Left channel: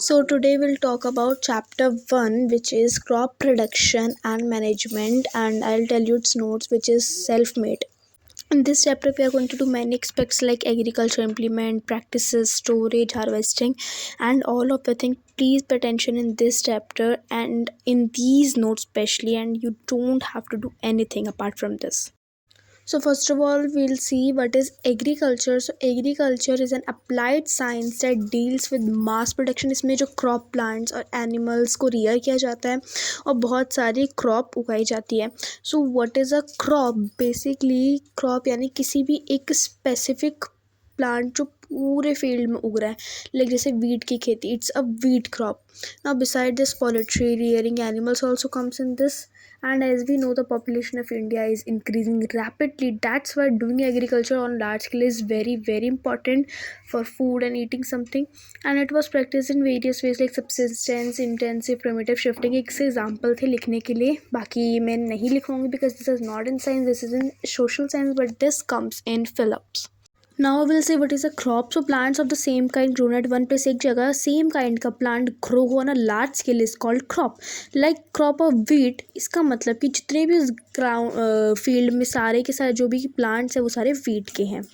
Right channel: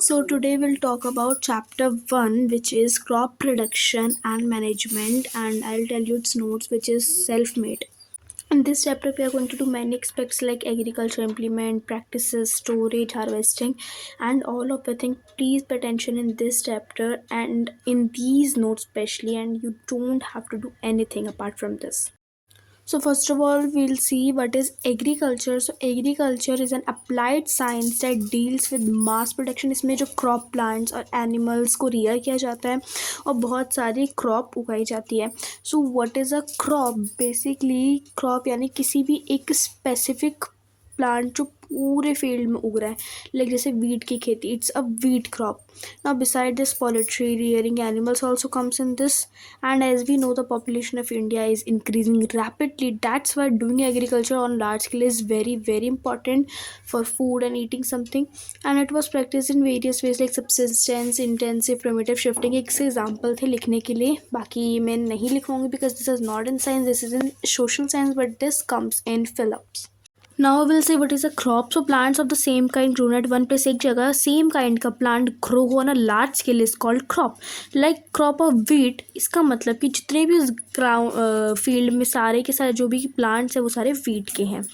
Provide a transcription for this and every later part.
So today we'll talk about chapter 1, which is crop production and management, and I'll tell you its notes, which is self-made. In this chapter we are going to do many aspects like agriculture implement, practices, storage, harvesting, and all of the things. Please pay attention in this chapter and in these notes especially, and you don't have to do anything apart from this. So first of all, we'll see what is agriculture. So agriculture is an applied science that deals with mass production. इसमें जो crop plants और animals को rear किया जाता है और बहुत सारी crop उगाई जाती है. So what is a crop? Basically crop यानी किसी भी एक specific प्लांट जो पूरे फील्ड में उग रहा है, लाइक जैसे वीट की खेती, it's a wheat crop. Now beside this poultry rearing animals also comes in this, and as we know the population of India is increasing rapidly. That's why doing agriculture on large scale is very very important for food and eating something, and it was practice in various ways like subsistence, intensive, primitive shifting. एक से example थे लिखने के लिए, बाकी मैं नहीं लिखवाऊंगी because this is not in science, this is in social science, but this comes in Phillips. Now we'll say what is a crop. So plants of the same kind grown at one place, एक जगह same kind का plant grow on a large scale is called crop. Like crop of wheat, इसका मतलब कि जितने भी उस ground field में सारे के सारे जो भी प्लांट्स हैं वो सारे wheat के हैं.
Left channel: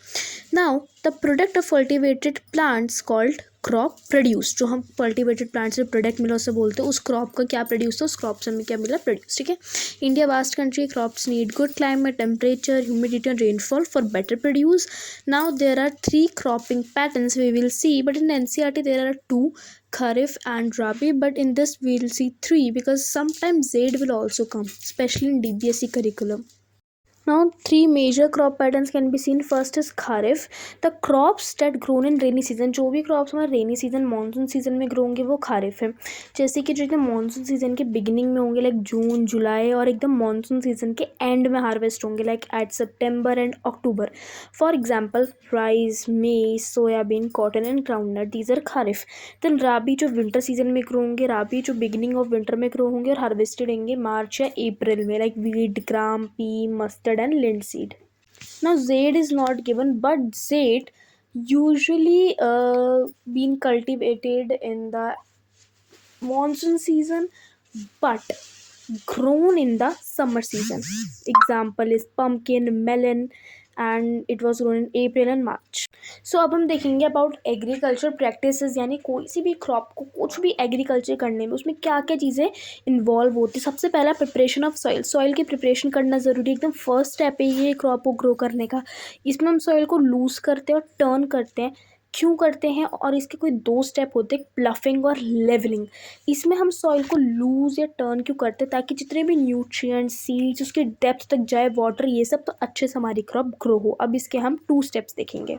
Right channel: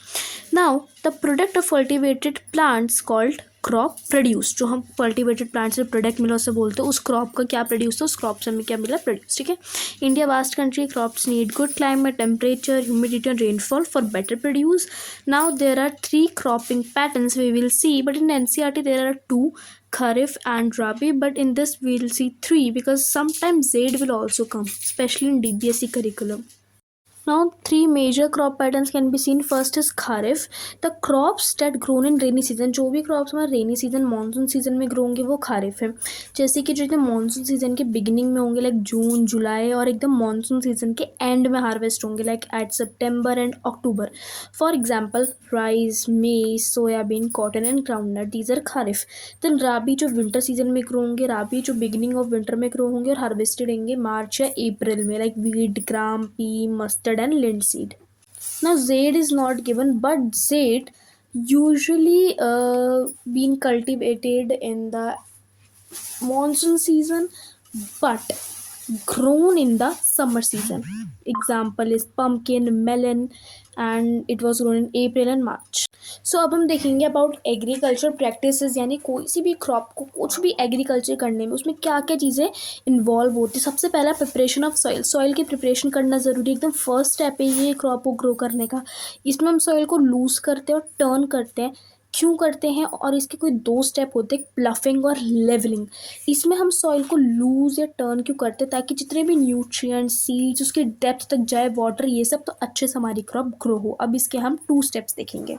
Now the product of cultivated plants called crop produce, जो हम कल्टिवेटेड प्लांट से प्रोडक्ट मिला उससे बोलते हैं उस क्रॉप का क्या प्रोड्यूस था, उस क्रॉप से हमें क्या मिला, प्रोड्यूस. ठीक है. India vast country, crops need good climate, temperature, humidity and rainfall for better produce. Now there are 3 cropping patterns we will see, but in NCERT there are 2, Kharif and Rabi, but in this we will see 3 because sometimes Zaid will also come, especially in DBSE curriculum. Now 3 major crop patterns can be seen. First is Kharif, the crops that grown in rainy season. जो भी crops हमारे rainy season, monsoon season में grow होंगे वो Kharif है. जैसे कि जो एकदम monsoon season के beginning में होंगे like जून, जुलाई, और एकदम monsoon season के end में harvest होंगे like at September and October. For example, rice, maize, soyabean, cotton and groundnut. These are Kharif. Then Rabi जो winter season में grow होंगे, Rabi जो beginning of winter में grow होंगे और harvested होंगे March या April में like wheat, gram, pea, mustard and linseed. Now Zaid is not given, but Zaid usually being cultivated in the monsoon season but grown in the summer season. Example is pumpkin, melon, and it was grown in April and March. सो अब हम देखेंगे about agriculture practices, यानी कोई सी भी crop को कुछ भी agriculture करने में उसमें क्या क्या चीज़ें इन्वॉल्व होती है. सबसे पहला प्रिपरेशन ऑफ सॉइल. सॉइल की प्रिपरेशन करना ज़रूरी, एकदम फर्स्ट स्टेप है ये क्रॉप को ग्रो करने का. इसमें हम सॉइल को लूज़ करते हैं और टर्न करते हैं. क्यों करते हैं, और इसके कोई 2 स्टेप होते हैं, प्लफिंग और लेवलिंग. इसमें हम सॉइल को लूज़ या टर्न क्यों करते हैं, ताकि जितने भी न्यूट्रिएंट्स, सीड्स उसके डेप्थ तक जाए, वाटर, ये सब, तो अच्छे से हमारी क्रॉप ग्रो हो. अब इसके हम 2 स्टेप्स देखेंगे.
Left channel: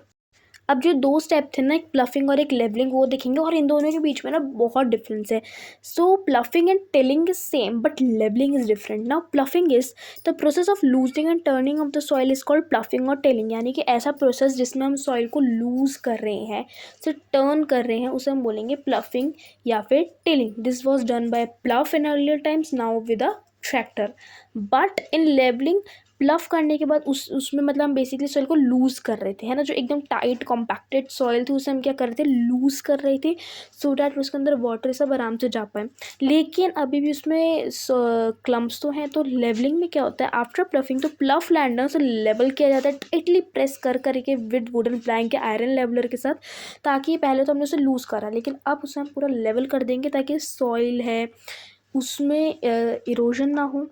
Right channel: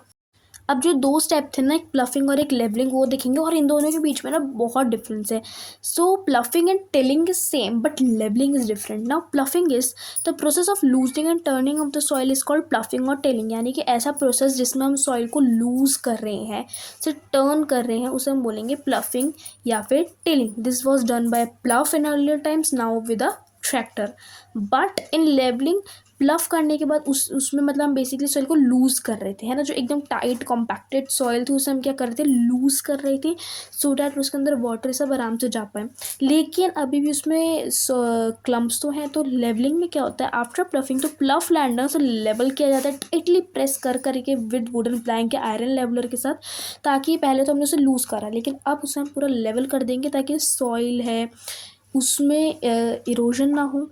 अब जो 2 स्टेप थे ना, एक प्लफिंग और एक लेवलिंग, वो देखेंगे, और इन दोनों के बीच में ना बहुत डिफरेंस है. So ploughing and tilling is same but levelling is different. Now ploughing is the process of loosening and turning of the soil is called ploughing और टिलिंग, यानी कि ऐसा प्रोसेस जिसमें हम सॉइल को लूज कर रहे हैं, से टर्न कर रहे हैं, उसे हम बोलेंगे प्लफिंग या फिर tilling. This was done by प्लफ in earlier times, now with a tractor. But in levelling, प्लफ करने के बाद उसमें मतलब हम बेसिकली सॉइल को लूज़ कर रहे थे, है ना. जो एकदम टाइट कॉम्पैक्टेड सॉइल थी उसे हम क्या कर रहे थे, लूज़ कर रहे थे, सो डैट उसके अंदर वाटर सब आराम से जा पाए. लेकिन अभी भी उसमें क्लम्प्स तो हैं. तो लेवलिंग में क्या होता है, आफ्टर प्लफिंग तो प्लफ लैंड है उसे लेवल किया जाता है टाइटली प्रेस कर करके विद वुडन प्लैंक या आयरन लेवलर के साथ, ताकि पहले तो हमने उसे लूज़ करा, लेकिन अब उसे हम पूरा लेवल कर देंगे ताकि सॉइल है उसमें इरोजन ना हो,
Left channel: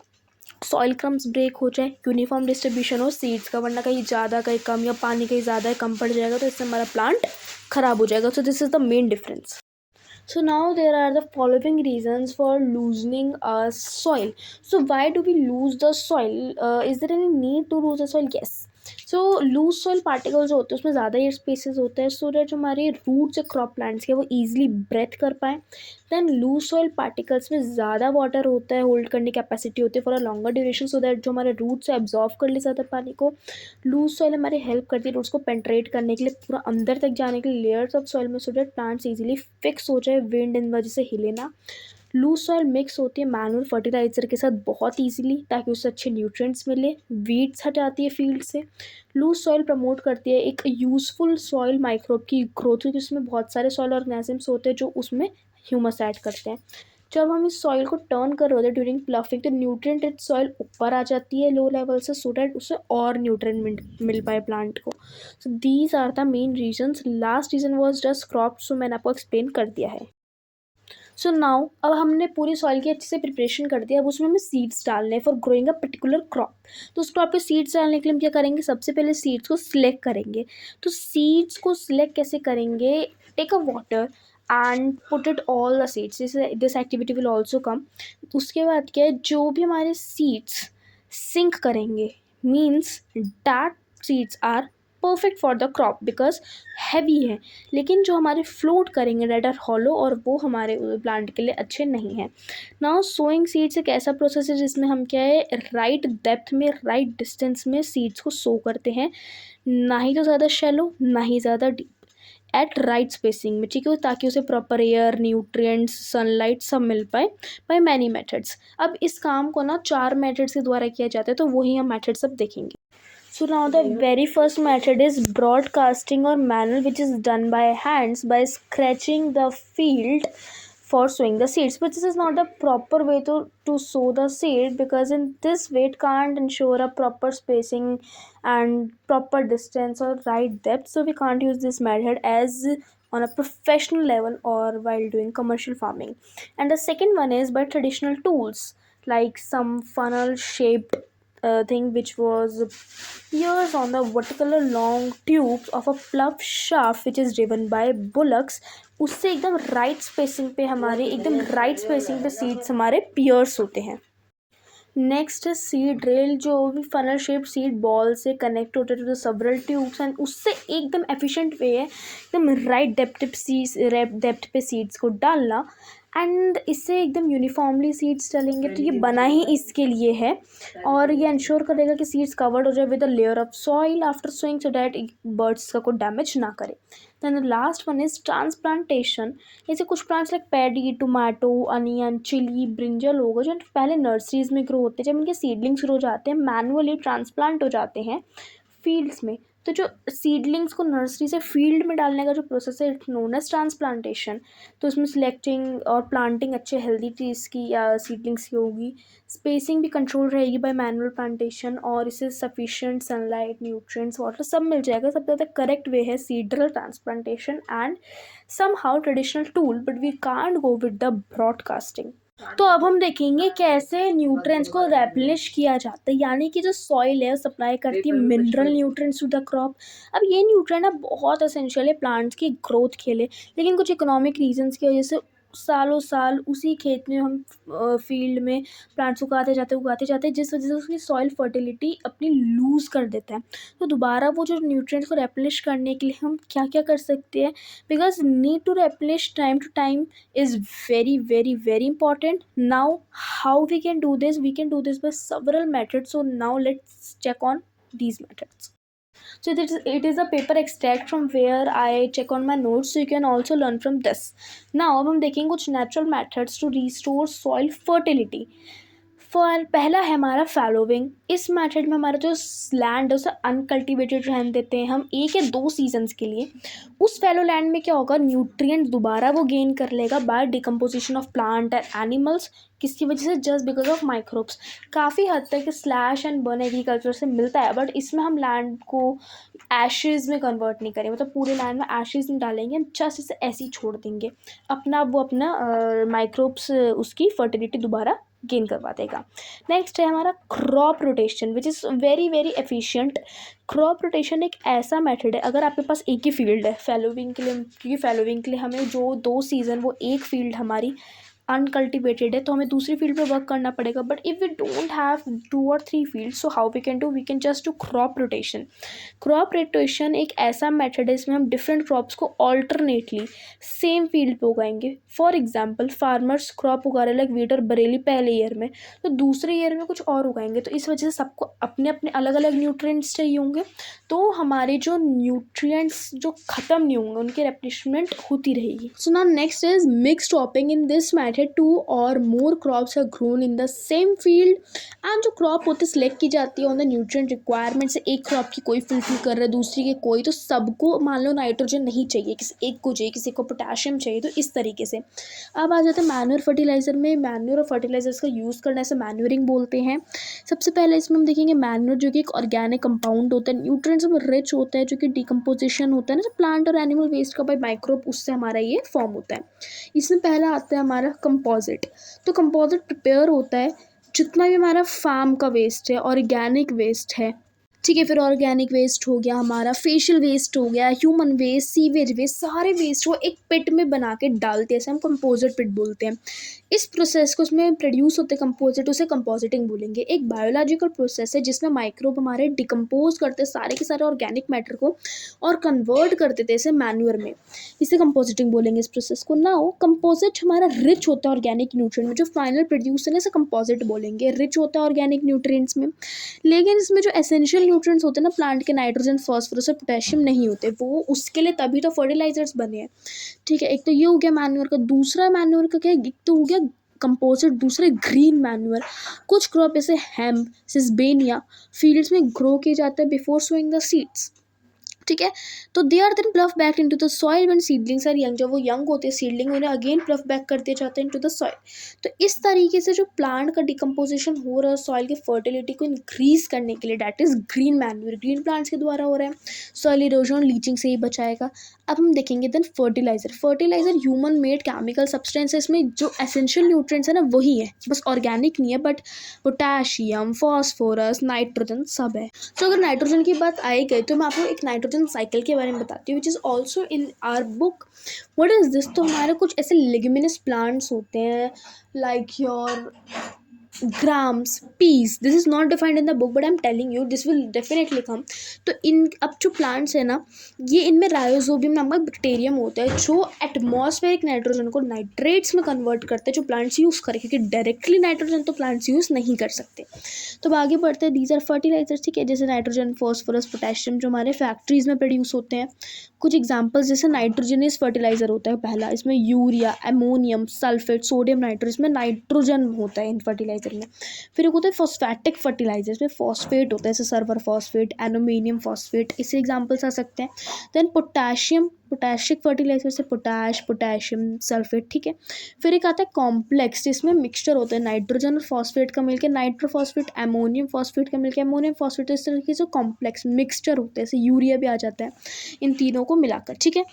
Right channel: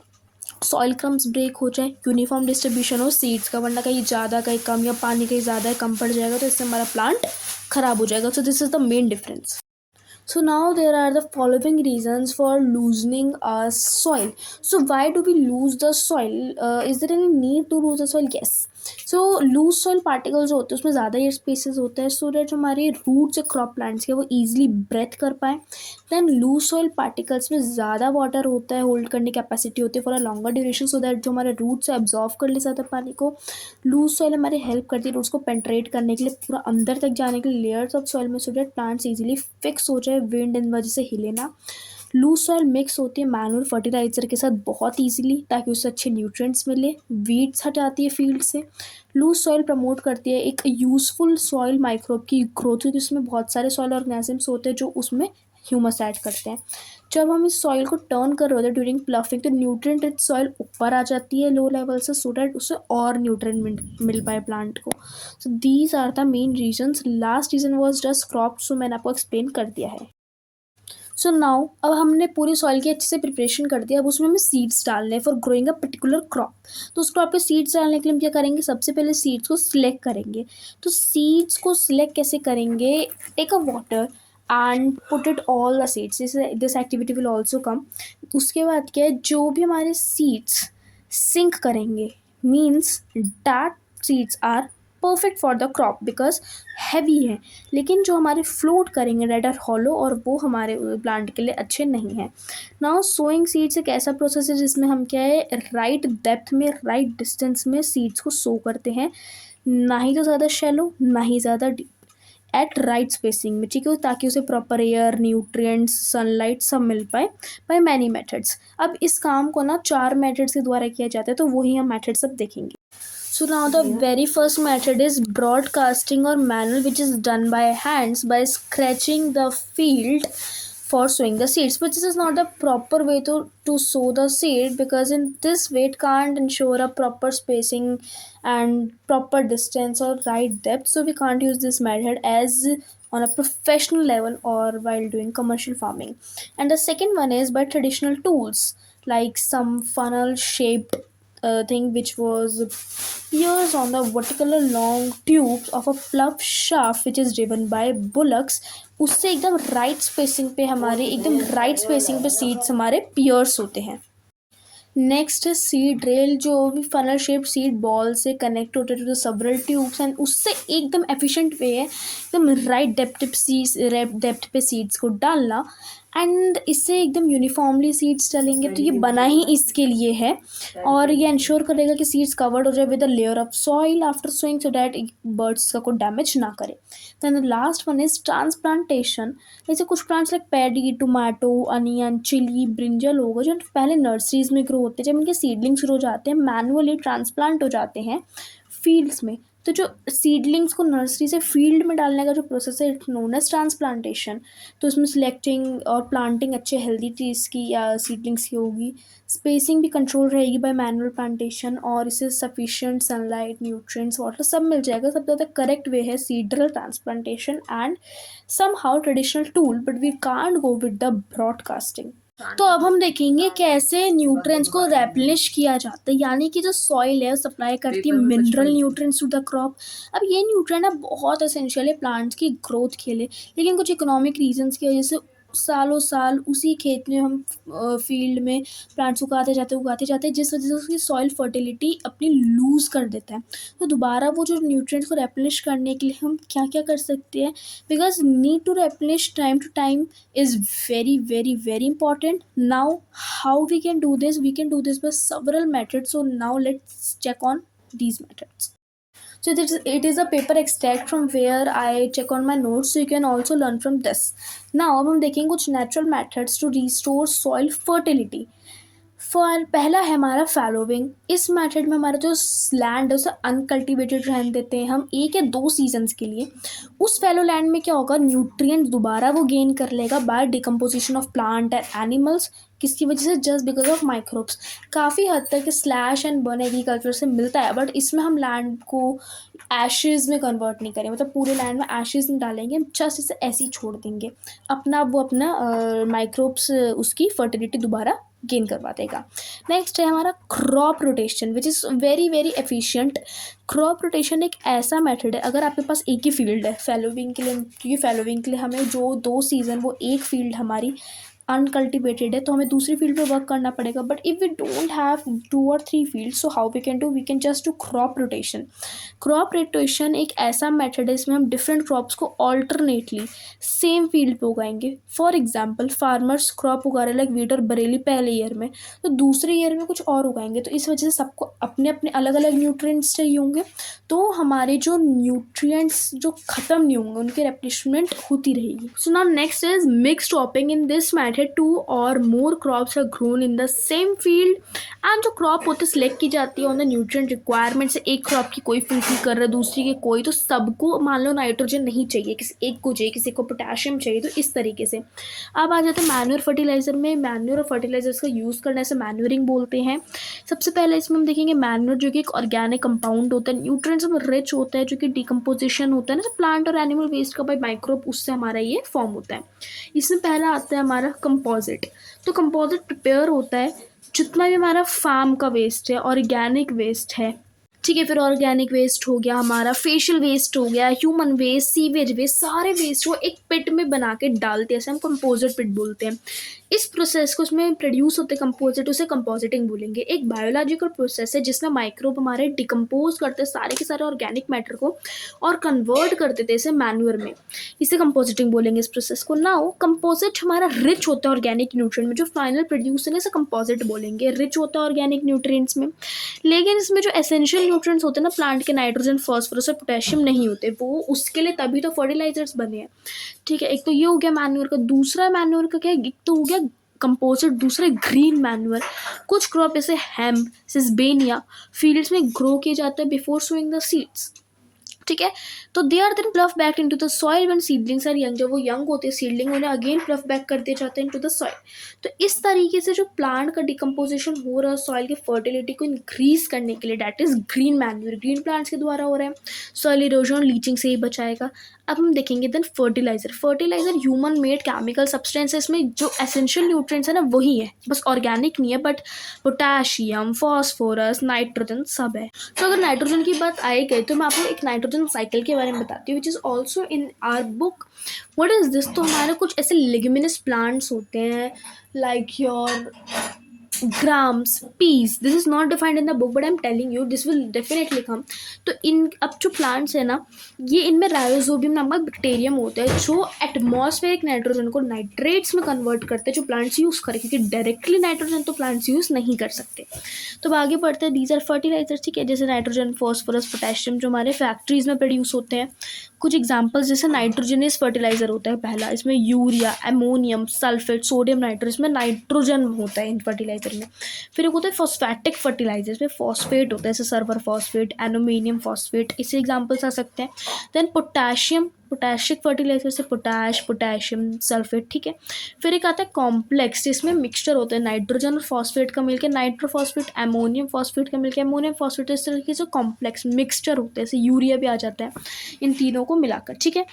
सॉइल क्रम्स ब्रेक हो जाए, यूनिफॉर्म डिस्ट्रीब्यूशन हो सीड्स का, वरना कहीं ज़्यादा कहीं कम, या पानी कहीं ज़्यादा है कम पड़ जाएगा तो इससे हमारा प्लांट ख़राब हो जाएगा. So this is the main difference. So now there are the following reasons for loosening a soil. So why do we lose the soil? Is there any need to lose the soil? Yes. So loose soil particles जो होते हैं उसमें ज़्यादा air spaces होते हैं, so that जो हमारे roots या क्रॉप प्लांट्स के वो ईजिली ब्रेथ कर पाए. दैन लूज सॉइल पार्टिकल्स में ज़्यादा वाटर होता है, होल्ड करने की कैपेसिटी होती है for a longer duration, so that जो हमारे रूट्स है एब्जॉर्व कर ले ज़्यादा पानी को. लूज सॉइल हमारी हेल्प करती है रूट्स को पेंट्रेट करने के लिए, पूरा अंदर तक जाने के लिए लेयर्स ऑफ सॉइल में, so that plants easily fix हो जाए, विंड इन वजह से हिले ना. लूज सॉइल मिक्स होती है मैनुअल फर्टिलाइजर के साथ बहुत ईजिली, ताकि उससे अच्छे न्यूट्रिएंट्स मिले. वीड्स हटाती है फील्ड से. लूज सॉइल प्रमोट करती है एक यूजफुल सॉइल माइक्रोब की ग्रोथ, क्योंकि उसमें बहुत सारे सॉइल ऑर्गेनिजम्स होते हैं जो उसमें ह्यूमस ऐड करते हैं। जब हम इस सॉइल को टर्न कर रहे होते हैं ड्यूरिंग प्लफिंग, तो न्यूट्रिएंट रिच सॉइल ऊपर आ जाती है लो लेवल से, सो डैट उससे और न्यूट्रिएंट मिल पाए प्लांट को। So these are the main reasons. Last reason was just crop, so मैंने आपको एक्सप्लेन कर दिया है। सो नाउ अब हमने पूरी सॉइल की अच्छे से प्रिपरेशन कर दिया, अब उसमें हमें सीड्स डालने हैं for growing a particular crop. तो उस क्रॉप पे सीड्स डालने के लिए हम क्या करेंगे, सबसे पहले सीड्स को सिलेक्ट करेंगे। तो सीड्स को सिलेक्ट कैसे करेंगे, take a water and put it all the seeds, this activity will also come. उसके बाद क्या है, जो भी हमारे सीड्स सिंक करेंगे means that seeds are perfect for the crop because heavy है, लेकिन जो हमारे फ्लोट करेंगे डेट आर हॉलो, और वो हमारे प्लांट के लिए अच्छे नहीं हैं। नाउ सोइंग सीड्स एक ऐसा प्रोसेस है जिसमें हम क्या है, राइट डेप्थ में राइट डिस्टेंस में सीड्स को सो करते हैं, ना ही तो ज़्यादा शैलो ना ही ज़्यादा डीप, एट राइट स्पेसिंग में, ठीक है, ताकि उसे प्रॉपर एयर, न्यूट्रिएंट्स, सनलाइट सब मिल पाए बाय मैनी मेथड्स। अब इस काम को ना 4 मेथड्स के द्वारा किया जाता है, तो वही हम मेथड्स अब देखेंगे। So now the very first method is broadcasting or manual, which is done by hands by scratching the field for sowing the seeds. But this is not the proper way to sow the seed, because in this way it can't ensure a proper spacing and proper distance or right depth. So we can't use this method as on a professional level or while doing commercial farming. And the second one is by traditional tools like some funnel shaped thing which was piers on the vertical long tubes of a plough shaft which is driven by bullocks। उससे एकदम right spacing पे हमारे एकदम right spacing पे seeds हमारे piers होते हैं। Next है सीड ड्रिल, जो भी फनल शेप सीड बॉल से कनेक्ट होते थे सेवरल ट्यूब्स, एंड उससे एकदम एफिशिएंट वे है एकदम राइट डेप्थ पे सीड्स को डालना, एंड इससे एकदम यूनिफॉर्मली सीड्स डालेंगे, तो ये बना ही इसके लिए है, और ये इंश्योर करेगा कि सीड्स कवर्ड हो जाए with a layer of soil after sowing, so that birds का कोई डैमेज ना करे। Then the last one is transplantation. जैसे कुछ plants like paddy, tomato, onion, chilli, brinjal हो गए, जो पहले नर्सरीज में ग्रो होते हैं, जब इनके सीडलिंग शुरू हो जाते हैं मैनुअली ट्रांसप्लांट हो जाते हैं फील्ड्स में। तो जो सीडलिंग्स को नर्सरी से फील्ड में डालने का जो प्रोसेस है इट नोन एज ट्रांसप्लांटेशन। तो इसमें सिलेक्टिंग और प्लांटिंग अच्छे हेल्दी ट्रीज की या सीडलिंग्स की होगी, स्पेसिंग भी कंट्रोल रहेगी बाय मैनुअल प्लांटेशन, और इसे सफिशिएंट सनलाइट, न्यूट्रिएंट्स, वाटर सब मिल जाएगा। सबसे ज़्यादा करेक्ट वे है seed drill transplantation and somehow traditional tool, but we can't go with the broadcasting. तो अब हम देखेंगे कैसे न्यूट्रिएंट्स को रेप्लिश किया जाता है, यानी कि जो सॉइल है सप्लाई करती है mineral nutrients to the crop. अब ये न्यूट्रिएंट अब बहुत एसेंशियल है प्लांट्स की ग्रोथ के लिए, लेकिन कुछ इकोनॉमिक रीजंस की वजह से सालों साल उसी खेत में हम फील्ड में प्लांट्स उगाते जाते हैं, जिस वजह से उसकी सॉइल फर्टिलिटी अपनी लूज़ कर देता है। तो दोबारा वो जो न्यूट्रिएंट्स को रेप्लिश करने के लिए हम क्या क्या कर सकते हैं, because need to replenish time to time is very important. Now how we can do this, we can do this by several methods, so now let's check on these methods. So it is a paper extract from where I check on my notes, so you can also learn from this. Now अब हम देखेंगे कुछ natural methods to restore soil fertility. पहला है हमारा फैलोविंग। इस method में हमारा जो लैंड है उसे अनकल्टिवेटेड रहने देते हैं हम 1 या 2 सीजन्स के लिए। उस फैलो लैंड में क्या होगा, न्यूट्रिएंट्स दोबारा वो गेन कर लेगा by decomposition of plant and animals. किसकी वजह से, जस्ट बिकॉज ऑफ माइक्रोब्स। काफ़ी हद तक स्लैश एंड बर्न एग्रीकल्चर से मिलता है, बट इसमें हम लैंड को एशेज़ में कन्वर्ट नहीं करेंगे, मतलब पूरे लैंड में एशेज़ नहीं डालेंगे, हम जस्ट इसे ऐसे ही छोड़ देंगे, अपना माइक्रोब्स उसकी फर्टिलिटी दोबारा गेन करवा देगा। नेक्स्ट है हमारा crop rotation, which is very efficient. Crop rotation एक ऐसा मेथड है, अगर आपके पास एक ही फील्ड है फैलोविंग के लिए, क्योंकि फैलोविंग के लिए हमें जो 2 सीज़न वो एक फील्ड हमारी अनकल्टिवेटेड है, तो हमें दूसरी फील्ड पे वर्क करना पड़ेगा। But if we don't have 2 और 3 field, so how we can just do crop rotation. Crop rotation एक ऐसा मेथड है इसमें हम डिफरेंट क्रॉप्स को ऑल्टरनेटली सेम फील्ड पे उगाएंगे। फॉर एग्जाम्पल फार्मर्स क्रॉप उगा रहे लाइक वीट और बरेली पहले ईयर में, तो दूसरे ईयर में कुछ और उगाएंगे, तो इस वजह से सबको अपने अपने अलग अलग न्यूट्रिएंट्स चाहिए होंगे, तो हमारे जो न्यूट्रिएंट्स जो ख़त्म नहीं होंगे उनकी रेप्लिशमेंट होती रहेगी। So now next is mix cropping. In this provided 2 और more crops are grown in the same field and जो क्रॉप होती है सिलेक्ट की जाती है ऑन द न्यूट्रिएंट रिक्वायरमेंट्स, एक क्रॉप की कोई फुलफिल कर रहा है दूसरी की कोई, तो सबको मान लो नाइट्रोजन नहीं चाहिए, किसी एक को चाहिए, किसी को पोटेशियम चाहिए, तो इस तरीके से। अब आ जाता है मैन्योर फर्टिलाइजर में। मैन्योर और फर्टिलाइजर्स का यूज़ करने से मैन्योरिंग बोलते हैं। सबसे पहले इसमें हम देखेंगे मैन्योर जो कि एक ऑर्गेनिक कंपाउंड होता है, न्यूट्रिएंट्स में रिच होता है, जो कि डिकम्पोजिशन होता है ना प्लांट और एनिमल वेस्ट का बाय माइक्रोब, उससे हमारा ये फॉर्म होता है। इसमें पहला आता है हमारा कंपोजिट। तो कंपोजिट प्रिपेयर होता है जितना भी हमारा फार्म का वेस्ट है, ऑर्गेनिक वेस्ट है, ठीक है, फिर ऑर्गेनिक वेस्ट हो गया, हमारा फेशियल वेस्ट हो गया, ह्यूमन वेस्ट, सीवेज वेस्ट, सारे वेस्ट को एक पिट में बना के डालते हैं, ऐसे हम कंपोजिट पिट बोलते हैं। इस प्रोसेस को उसमें प्रोड्यूस होते कंपोजिट, उसे कंपोजिटिंग बोलेंगे। एक बायोलॉजिकल प्रोसेस है जिसमें माइक्रोब हमारे डिकम्पोज करते सारे के सारे ऑर्गेनिक मैटर को और कन्वर्ट कर देते इसे मैन्यूर में, इसे कंपोजिटिंग बोलेंगे इस प्रोसेस को। नाउ कंपोजिट हमारा रिच होता है ऑर्गेनिक न्यूट्रिएंट में, जो फाइनल प्रोड्यूस है इसे कंपोजिट बोलेंगे, रिच होता है ऑर्गेनिक न्यूट्रिएंट्स में। लेकिन इसमें जो एसेंशियल न्यूट्रिएंट्स होते हैं ना प्लांट के, नाइट्रोजन, फास्फोरस और पोटेशियम नहीं होते, वो उसके लिए तभी तो फर्टिलाइजर्स बने हैं, ठीक है। एक तो ये हो गया मैन्योर का। दूसरा मैन्योर का क्या है, एक तो हो गया कंपोजिट, दूसरा ग्रीन मैन्योर। कुछ क्रॉप जैसे हेम्प, सिसबेनिया फील्ड्स में ग्रो किए जाते हैं बिफोर सोइंग द सीड्स, ठीक है। तो they are then plough back into the soil when seedlings are young, जब वो यंग होते हैं सीडलिंग, उन्हें अगेन प्लफ बैक कर दिए जाते हैं इनटू द सॉइल। तो इस तरीके से जो प्लांट का डिकम्पोजिशन हो रहा है सॉइल की फर्टिलिटी को इंक्रीज करने के लिए, that is green manure, green plants के द्वारा हो रहा है, सॉइल इरोजन और लीचिंग से ही बचाएगा। अब हम देखेंगे then fertiliser. Fertiliser human made chemical substance है, इसमें जो एसेंशियल न्यूट्रिएंट्स है ना वही है, बस ऑर्गेनिक नहीं है, बट पोटेशियम, फॉस्फोरस, नाइट्रोजन सब है। तो अगर नाइट्रोजन की बात आई गई तो मैं आपको एक नाइट्रोजन साइकिल के बारे में बताती हूँ, which is also in our book. What is this? तो हमारे कुछ ऐसे लिग्मिनस प्लांट्स होते हैं like your grams, peas. This is not defined in the book, but I'm telling you this will definitely come. तो इन अब जो प्लांट्स है ना, ये इनमें राइजोबियम नामक बैक्टीरियम होता है जो एटमॉस्फेरिक नाइट्रोजन को नाइट्रेट्स में कन्वर्ट करते हैं, जो प्लांट्स यूज़ करें, क्योंकि डायरेक्टली नाइट्रोजन तो प्लांट्स यूज़ नहीं कर सकते। तो अब आगे बढ़ते हैं, दीज आर फर्टिलाइजर्स, ठीक है, जैसे नाइट्रोजन, फॉस्फोरस, पोटेशियम जो हमारे फैक्ट्रीज में प्रोड्यूस होते हैं। कुछ एग्जांपल्स जैसे नाइट्रोजनस फर्टिलाइजर होता है पहला, इसमें urea, ammonium, sulphate, sodium nitrate, इसमें नाइट्रोजन होता है इन फर्टिलाइजर में। फिर एक होता है फॉस्फेटिक फर्टिलाइजर, इसमें फॉस्फेट होता है, जैसे सल्फर फॉस्फेट, एल्यूमिनियम फॉस्फेट, इससे एग्जांपल्स आ सकते हैं। देन पोटेशियम, पोटेशिक फर्टिलाइजर से पोटैश, पोटेशियम, सल्फेट, ठीक है। फिर एक आता है कॉम्प्लेक्स, जिसमें मिक्सचर होता है नाइट्रोजन और फॉस्फेट का मिलकर नाइट्रोफॉस्फेट, अमोनियम फॉस्फेट का मिलकर अमोनियम फॉस्फेट, इस तरीके से कॉम्प्लेक्स मिक्सचर होते हैं, जैसे यूरिया भी आ जाता है इन तीनों को मिलाकर, ठीक है।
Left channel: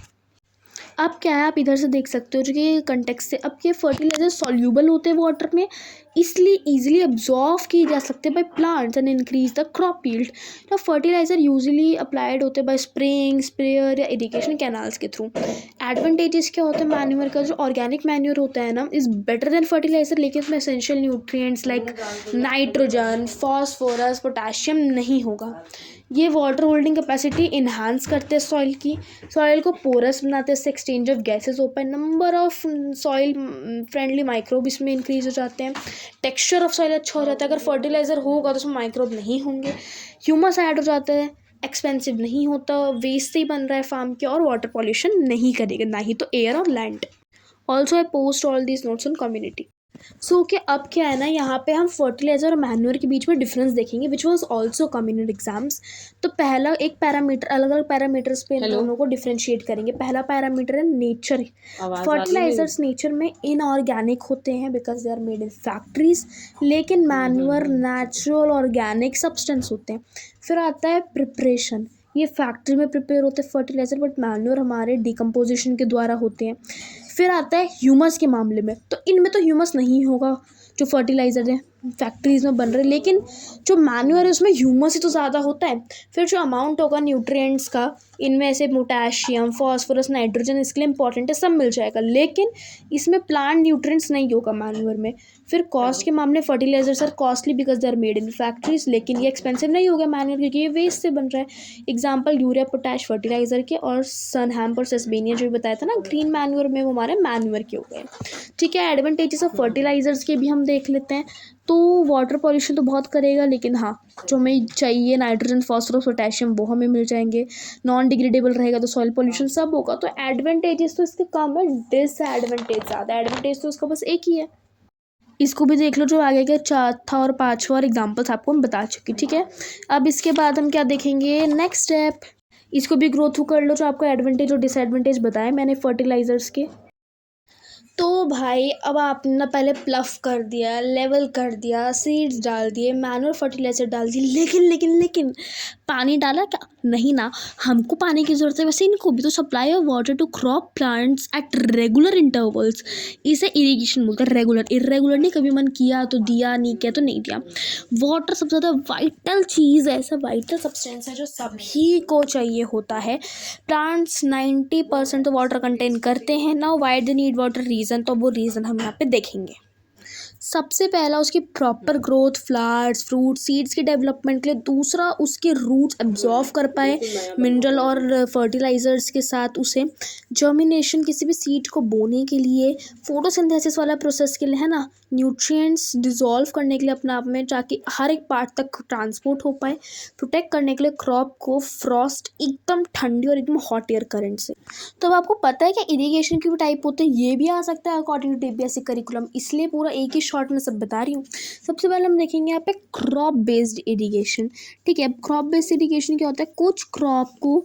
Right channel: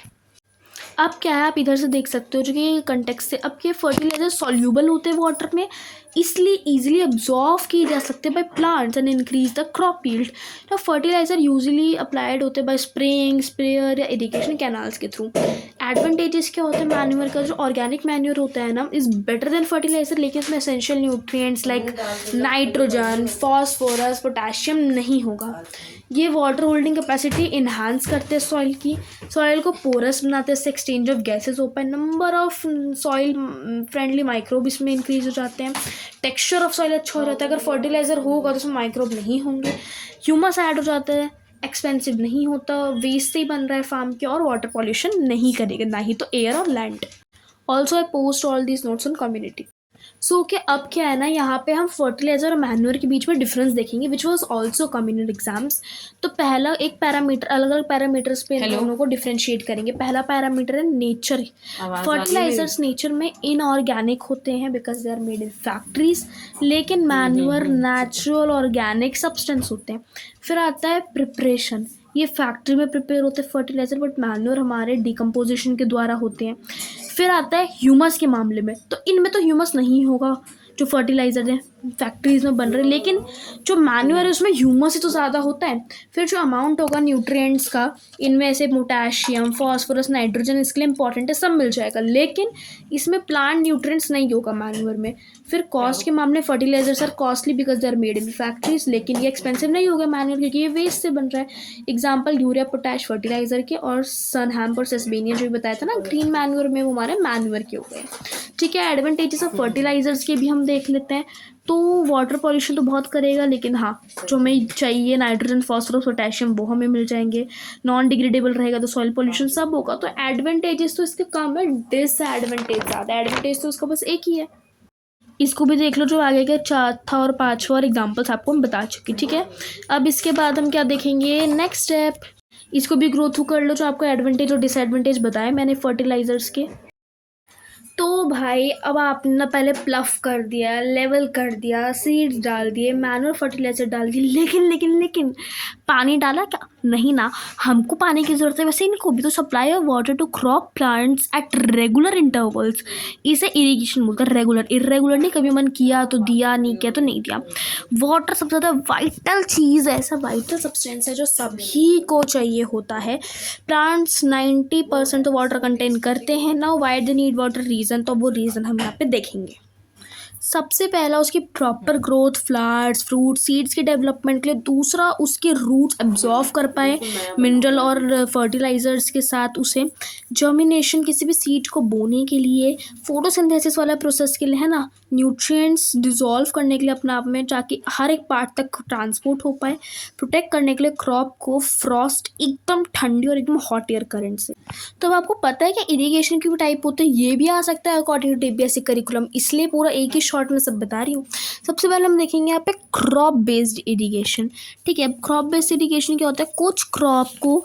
अब क्या है, आप इधर से देख सकते हो जो कि कंटेक्स्ट से, अब ये फर्टिलाइजर सॉल्यूबल होते हैं वाटर में, इसलिए इजीली अब्जॉर्व किए जा सकते हैं by plants and increase the crop yield. तो फर्टिलाइजर यूजुअली अप्लाइड होते हैं बाय स्प्रेइंग, स्प्रेयर या इरिगेशन कैनाल्स के थ्रू। एडवांटेजेस क्या होते हैं मैन्योर का, जो ऑर्गेनिक मैन्योर होता है ना इज बेटर देन फर्टिलाइजर, लेकिन इसमें essential nutrients like nitrogen, phosphorus, potassium नहीं होगा। ये वाटर होल्डिंग कैपेसिटी इन्हांस करते हैं सॉइल की, सॉइल को पोरस बनाते हैं, इससे एक्सचेंज ऑफ गैसेस होता है, number of soil friendly microbe इसमें इंक्रीज हो जाते हैं, टेक्सचर ऑफ सॉइल अच्छा हो जाता है। अगर फर्टिलाइजर होगा तो उसमें माइक्रोब नहीं होंगे, ह्यूमस ऐड हो जाता है, एक्सपेंसिव नहीं होता, वेस्ट से ही बन रहा है फार्म के, और वाटर पॉल्यूशन नहीं करेगा, ना ही तो एयर और land. Also I post all these notes on community. So कि अब क्या है ना, यहाँ पे हम फर्टिलाइजर और मैन्योर के बीच में डिफरेंस देखेंगे, which was also come in exams. तो पहला एक पैरामीटर, अलग अलग पैरामीटर्स पे इन दोनों को डिफ्रेंशिएट करेंगे। पहला पैरामीटर है नेचर। फर्टिलाइजर्स नेचर में इनऑर्गेनिक होते हैं because they are made in factories, लेकिन मैन्योर नेचुरल ऑर्गेनिक सब्सटेंस होते हैं। फिर आता है प्रिपरेशन, ये फैक्ट्री में प्रिपेयर होते हैं फर्टिलाइजर, बट मैन्योर हमारे डिकम्पोजिशन के द्वारा होते हैं। फिर आता है ह्यूमस के मामले में, तो इनमें तो ह्यूमस नहीं होगा जो फर्टिलाइजर है फैक्ट्रीज में बन रहे, लेकिन जो मैन्योर है उसमें ह्यूमस ही तो ज़्यादा होता है। फिर जो अमाउंट होगा न्यूट्रिएंट्स का, इनमें से पोटेशियम, फॉस्फोरस, नाइट्रोजन इसके लिए इंपॉर्टेंट है, सब मिल जाएगा, लेकिन इसमें प्लांट न्यूट्रिएंट्स नहीं होगा मैन्योर में। फिर कॉस्ट के मामले fertilisers are costly because they are made in factories, लेकिन ये एक्सपेंसिव नहीं होगा मैन्योर, क्योंकि ये वेस्ट से बन रहा है। एग्जाम्पल यूरिया, पोटैश फर्टिलाइजर के, और सन हेम्प और सेसबेनिया जो बताया था ना ग्रीन मैन्योर में, वो हमारे मैन्योर के हो गए, ठीक है। एडवांटेजेस ऑफ फर्टिलाइजर्स के भी हम देख लेते हैं। तो वाटर पॉल्यूशन तो बहुत करेगा, लेकिन हाँ जो हमें चाहिए नाइट्रोजन, फॉस्फोरस, पोटेशियम वो हमें मिल जाएंगे। नॉन डिग्रेडेबल रहेगा तो सॉइल पॉल्यूशन सब होगा। तो एडवांटेजेस तो इसके कम है, डिसएडवांटेज ज़्यादा। एडवांटेज तो उसका बस एक ही है, इसको भी देख लो जो आगे के चौथा और पांचवा और एग्जाम्पल्स आपको मैं बता चुकी, ठीक है। अब इसके बाद हम क्या देखेंगे, नेक्स्ट स्टेप, इसको भी ग्रो थ्रू कर लो जो आपको एडवांटेज और डिसएडवांटेज बताए मैंने फर्टिलाइजर्स के। तो भाई अब आपने ना पहले प्लफ कर दिया, लेवल कर दिया, सीड्स डाल दिए, मैनूर फर्टिलाइजर डाल दिए, लेकिन पानी डाला क्या? नहीं ना, हमको पानी की ज़रूरत है, वैसे इनको भी तो supply of water to crop plants at regular intervals, इसे इरिगेशन बोलते हैं। रेगुलर, इरेगुलर नहीं, कभी मन किया तो दिया, नहीं किया तो नहीं दिया। वाटर सबसे ज़्यादा वाइटल चीज़ है, ऐसा वाइटल सब्सटेंस है जो सभी को चाहिए होता है। प्लांट्स 90% तो वाटर कंटेन करते हैं। Now why they need water, reason, तो वो रीज़न हम यहाँ पे देखेंगे। सबसे पहला उसकी proper growth, flowers, fruit, seeds के डेवलपमेंट के लिए। दूसरा उसके रूट्स एब्जॉर्व कर पाए मिनरल और फर्टिलाइजर्स के साथ उसे। जर्मिनेशन, किसी भी सीड को बोने के लिए। फोटोसिंथेसिस वाला प्रोसेस के लिए, है ना, न्यूट्रिएंट्स डिजॉल्व करने के लिए अपने आप में, ताकि हर एक पार्ट तक ट्रांसपोर्ट हो पाए। प्रोटेक्ट करने के लिए क्रॉप को फ्रॉस्ट, एकदम ठंडी और एकदम हॉट एयर करंट से। तो अब आपको पता है कि इरिगेशन के भी टाइप होते हैं, ये भी आ सकता है अकॉर्डिंग टू टीपीएससी करिकुलम, इसलिए पूरा एक ही शॉर्ट में सब बता रही हूँ। सबसे पहले हम देखेंगे यहाँ पे क्रॉप बेस्ड इरिगेशन, ठीक है। क्रॉप बेस्ड इरिगेशन क्या होता है, कुछ क्रॉप को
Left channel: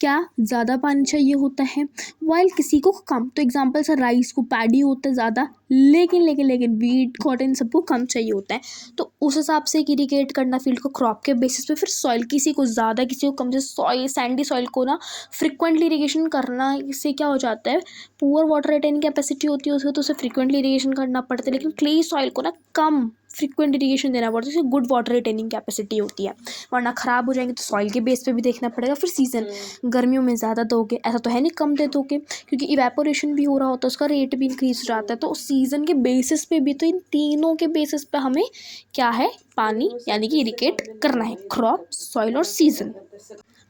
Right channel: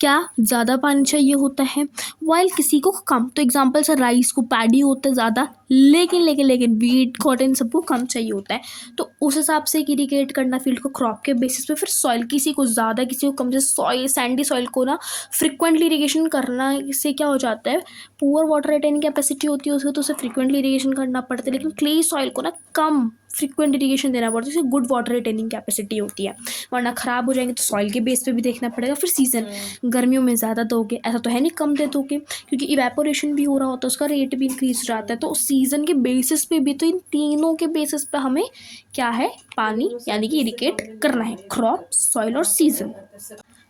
क्या ज़्यादा पानी चाहिए होता है, वाइल किसी को कम। तो एग्जांपल्स है, राइस को पैडी होता है ज़्यादा, लेकिन वीट, कॉटन सबको कम चाहिए होता है। तो उस हिसाब से इरिगेट करना फील्ड को क्रॉप के बेसिस पे। फिर सॉइल, किसी को ज़्यादा किसी को कम। जैसे सॉइल, सैंडी सॉइल को ना फ्रिक्वेंटली इरिगेशन करना से क्या हो जाता है, पुअर वाटर रिटेनिंग कैपेसिटी होती है उसको, तो उसे फ्रिक्वेंटली इरिगेशन करना पड़ता है। लेकिन क्ले सॉइल को ना कम फ्रिक्वेंट इरिगेशन देना पड़ता है, उससे गुड वाटर रिटेनिंग कैपेसिटी होती है, वरना ख़राब हो जाएंगे। तो सॉइल के बेस पे भी देखना पड़ेगा। फिर सीजन, गर्मियों में ज़्यादा दोगे, ऐसा तो है नहीं कम दे दोगे, क्योंकि इवेपोरेशन भी हो रहा होता है, उसका रेट भी इंक्रीज हो जाता है। तो सीज़न के बेसिस पे भी, तो इन तीनों के बेसिस पे हमें क्या है, पानी यानी कि इरिगेट करना है, क्रॉप, सॉइल और सीजन।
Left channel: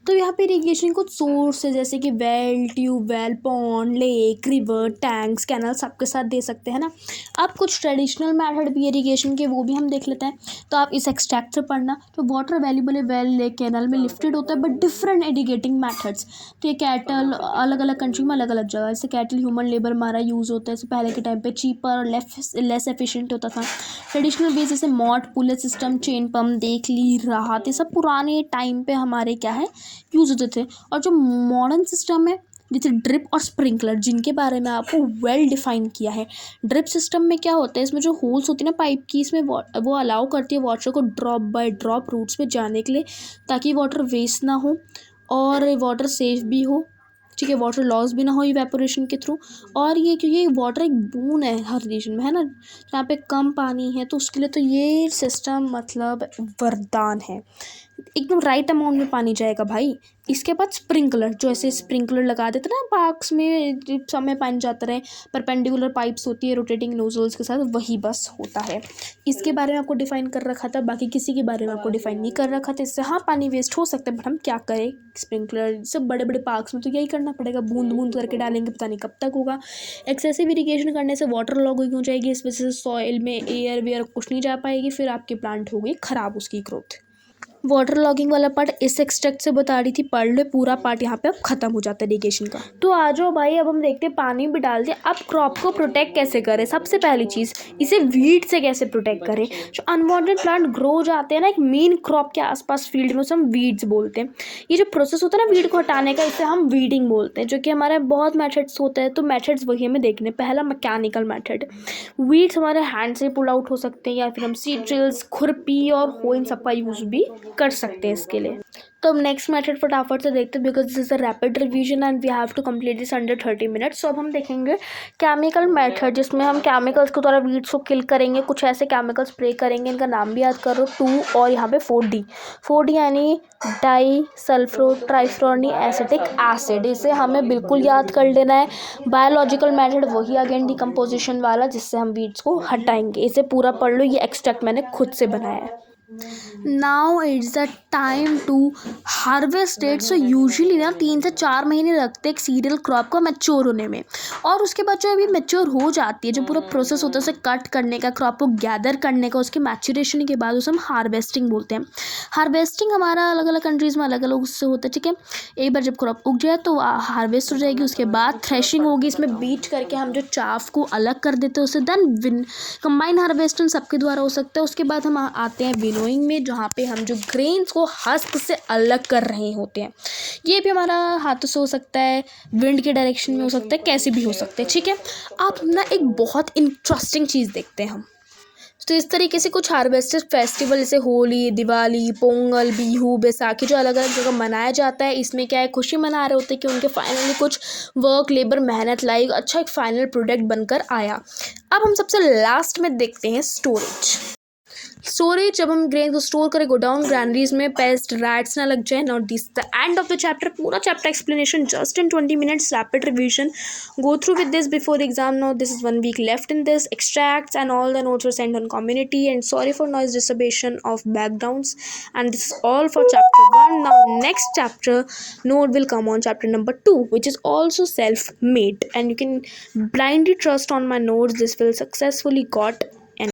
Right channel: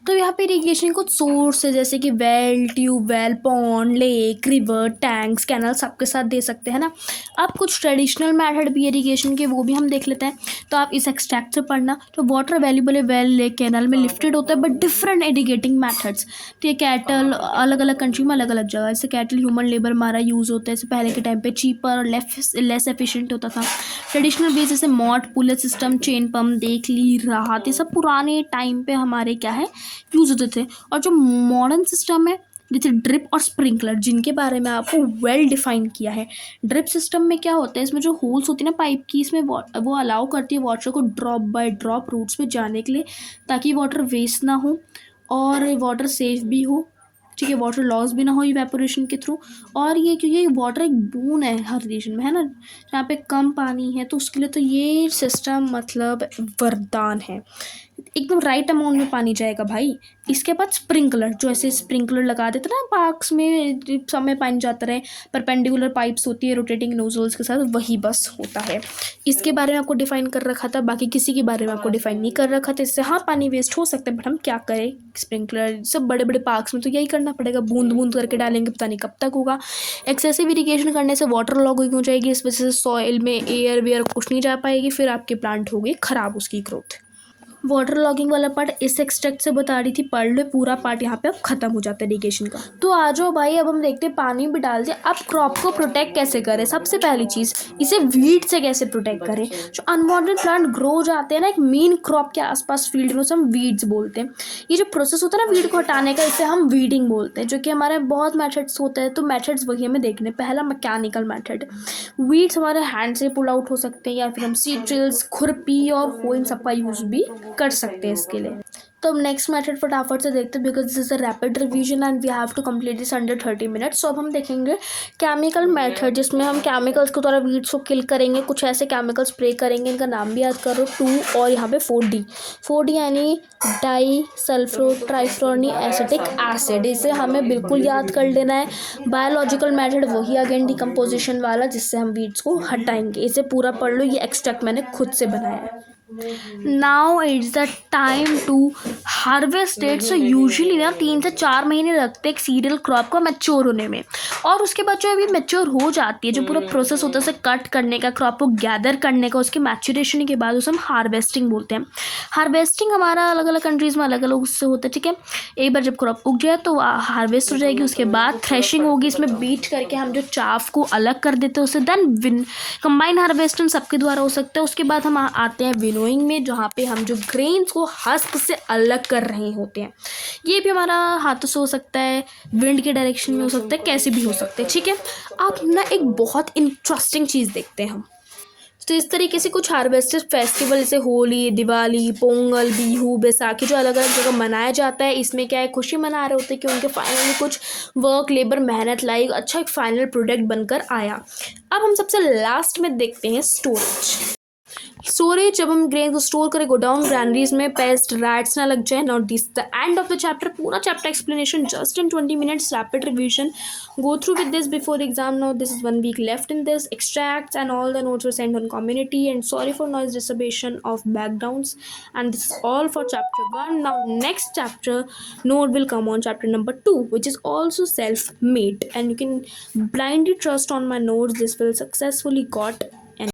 तो यहाँ पे इरिगेशन कुछ सोर्स है, जैसे कि well, tubewell, pond, lake, river, tanks, canal, सबके साथ दे सकते हैं ना। अब कुछ ट्रेडिशनल मेथड भी इरिगेशन के, वो भी हम देख लेते हैं। तो आप इस एक्सट्रैक्ट से पढ़ना। तो वाटर अवेलेबल है वेल, लेक, कैनल में लिफ्टेड होता है, बट डिफरेंट इरिगेटिंग मैथड्स। तो ये कैटल अलग अलग कंट्री में अलग अलग जगह, जैसे कैटल ह्यूमन लेबर हमारा यूज़ होता है, जैसे पहले के टाइम पे चीपर और लेस एफिशिएंट होता था। ट्रेडिशनल वे जैसे मॉड, पुलेट सिस्टम, चेन पम्प, देख ली, राहत, ये सब पुराने टाइम पे हमारे क्या है, यूज़ होते थे। और जो मॉडर्न सिस्टम है, जैसे ड्रिप और स्प्रिंकलर, जिनके बारे में आपको वेल डिफाइन किया है। ड्रिप सिस्टम में क्या होता है, इसमें जो होल्स होती है ना पाइप की, इसमें वो अलाउ करती है वाटर को ड्रॉप बाय ड्रॉप रूट्स पे जाने के लिए, ताकि वाटर वेस्ट ना हो और वाटर सेफ भी हो, ठीक है, वाटर लॉस भी ना हो इवेपोरेशन के थ्रू। और ये क्योंकि वाटर एक बून है हर रीजन में, है ना, जहाँ पे कम पानी है, तो उसके लिए तो ये सिस्टम मतलब वरदान है, एकदम राइट अमाउंट में पानी जाएगा भाई। इसके बाद स्प्रिंकलर, जो ऐसे स्प्रिंकलर लगा देते ना पार्क्स में, सब में पानी जाता रहे, परपेंडिकुलर पाइप्स होती है रोटेटिंग नोजल्स के साथ, वही बस होता है। इसके बारे में आपको डिफाइन कर रखा था, बाकी किसी के बारे में आपको डिफाइन नहीं कर रखा था। इससे हाँ पानी वेस्ट हो सकता है, बट हम क्या करें, स्प्रिंकलर सब बड़े बड़े पार्क्स में तो यही करना पड़ेगा, बूंद बूंद करके डालेंगे, पता नहीं कब तक होगा। एक्सेसिव इरिगेशन करने से वाटर लॉगिंग हो जाएगी, इस वजह से सॉइल में एयर वेयर कुछ नहीं जा पाएगी, फिर आपके प्लांट होगी ख़राब उसकी ग्रोथ। वाटर लॉगिंग वाला पार्ट इस एक्सट्रैक्ट से बता रही थी, पढ़ लो, पूरा पार्ट यहाँ पे अब खत्म हो जाता है इरिगेशन का। तो आ जाओ भाई, अब हम देखते हैं पानी भी डाल दिया, अब क्रॉप को प्रोटेक्ट कैसे करें। सबसे पहली चीज़, इसे वीड से कैसे प्रोटेक्ट करें। जो अनवांटेड प्लांट ग्रो जाते हैं ना एक मेन क्रॉप के आसपास फील्ड में, उसे हम वीड्स बोलते हैं। ये जो प्रोसेस होता है ना वीड को हटाने का, इसे हम वीडिंग बोलते हैं, जो कि हमारे बहुत मेथड्स होते हैं। तो मेथड्स वही हमें देखने। पहला मैकेनिकल मेथड, वीड्स हमारे हैंड से पुल आउट हो सकते हैं, या फिर हम सीड ड्रिल्स, खुरपी और हो इन सबका यूज़ भी कर सकते हैं इसके लिए। तो हम नेक्स्ट मेथड फटाफट से देखते हैं, because this is a rapid revision and we have to complete this under 30 minutes. तो अब हम देखेंगे केमिकल मेथड, जिसमें हम केमिकल्स के द्वारा वीड्स को किल करेंगे। कुछ ऐसे केमिकल स्प्रे करेंगे, इनका नाम भी याद करो, 2 और यहाँ पे 4D। 4D यानी डाई सल्फ्रो ट्राइफ्लोरोनिक एसिटिक एसिड, इसे हमें बिल्कुल याद कर लेना है। बायोलॉजिकल मेथड वही अगेन डिकम्पोजिशन वाला, जिससे हम वीड्स को हटाएंगे। इसे पूरा पढ़ लो, ये एक्सट्रैक्ट मैंने खुद से बनाया है। Now it's the time to harvest it. So usually ना 3 से 4 महीने लगते हैं एक सीरियल क्रॉप को मैच्योर होने में. और उसके बाद जो अभी मैच्योर हो जाती है, जो पूरा प्रोसेस होता है उसे कट करने का, क्रॉप को गैदर करने का, उसके मैच्योरेशन के बाद उसे हम हार्वेस्टिंग बोलते हैं. हार्वेस्टिंग हमारा अलग अलग कंट्रीज़ में अलग अलग उससे होता है. ठीक है, एक बार जब क्रॉप उग जाए तो हार्वेस्ट हो जाएगी. उसके बाद थ्रेशिंग होगी, इसमें बीट करके हम जो चाफ को अलग कर देते हैं उसे. देन कंबाइन हार्वेस्टिंग सबके द्वारा हो सकता है. उसके बाद हम आते हैं विनोइंग में, जहाँ पे हम जो ग्रेन्स को हस्क से अलग कर रहे होते हैं. ये भी हमारा हाथों से हो सकता है, विंड के डायरेक्शन में हो सकता है, कैसे भी हो सकते हैं. ठीक है, अब ना एक बहुत इंटरेस्टिंग चीज़ देखते हैं हम. तो इस तरीके से कुछ हार्वेस्टेड फेस्टिवल जैसे होली, दिवाली, पोंगल, बिहू, बैसाखी जो अलग अलग जगह मनाया जाता है, इसमें क्या है, खुशी मना रहे होते हैं कि उनके फाइनली कुछ वर्क, लेबर, मेहनत लाई अच्छा एक फाइनल प्रोडक्ट बनकर आया. अब हम सबसे लास्ट में देखते हैं स्टोरेज. स्टोरेज, जब हम ग्रेन को स्टोर करें गोडाउन ग्रैंडरीज में, पेस्ट रैट्स ना लग जाए. Not this the end of the chapter. पूरा chapter explanation just in 20 minutes, rapid revision. Go through with this before the exam. Now this is 1 week left in this. Extracts and all the notes were sent on community, and sorry for noise disturbation of backgrounds. And this is all for chapter 1. Now next chapter note will come on chapter number 2, which is also self-made, and you can blindly trust on my notes. This will successfully got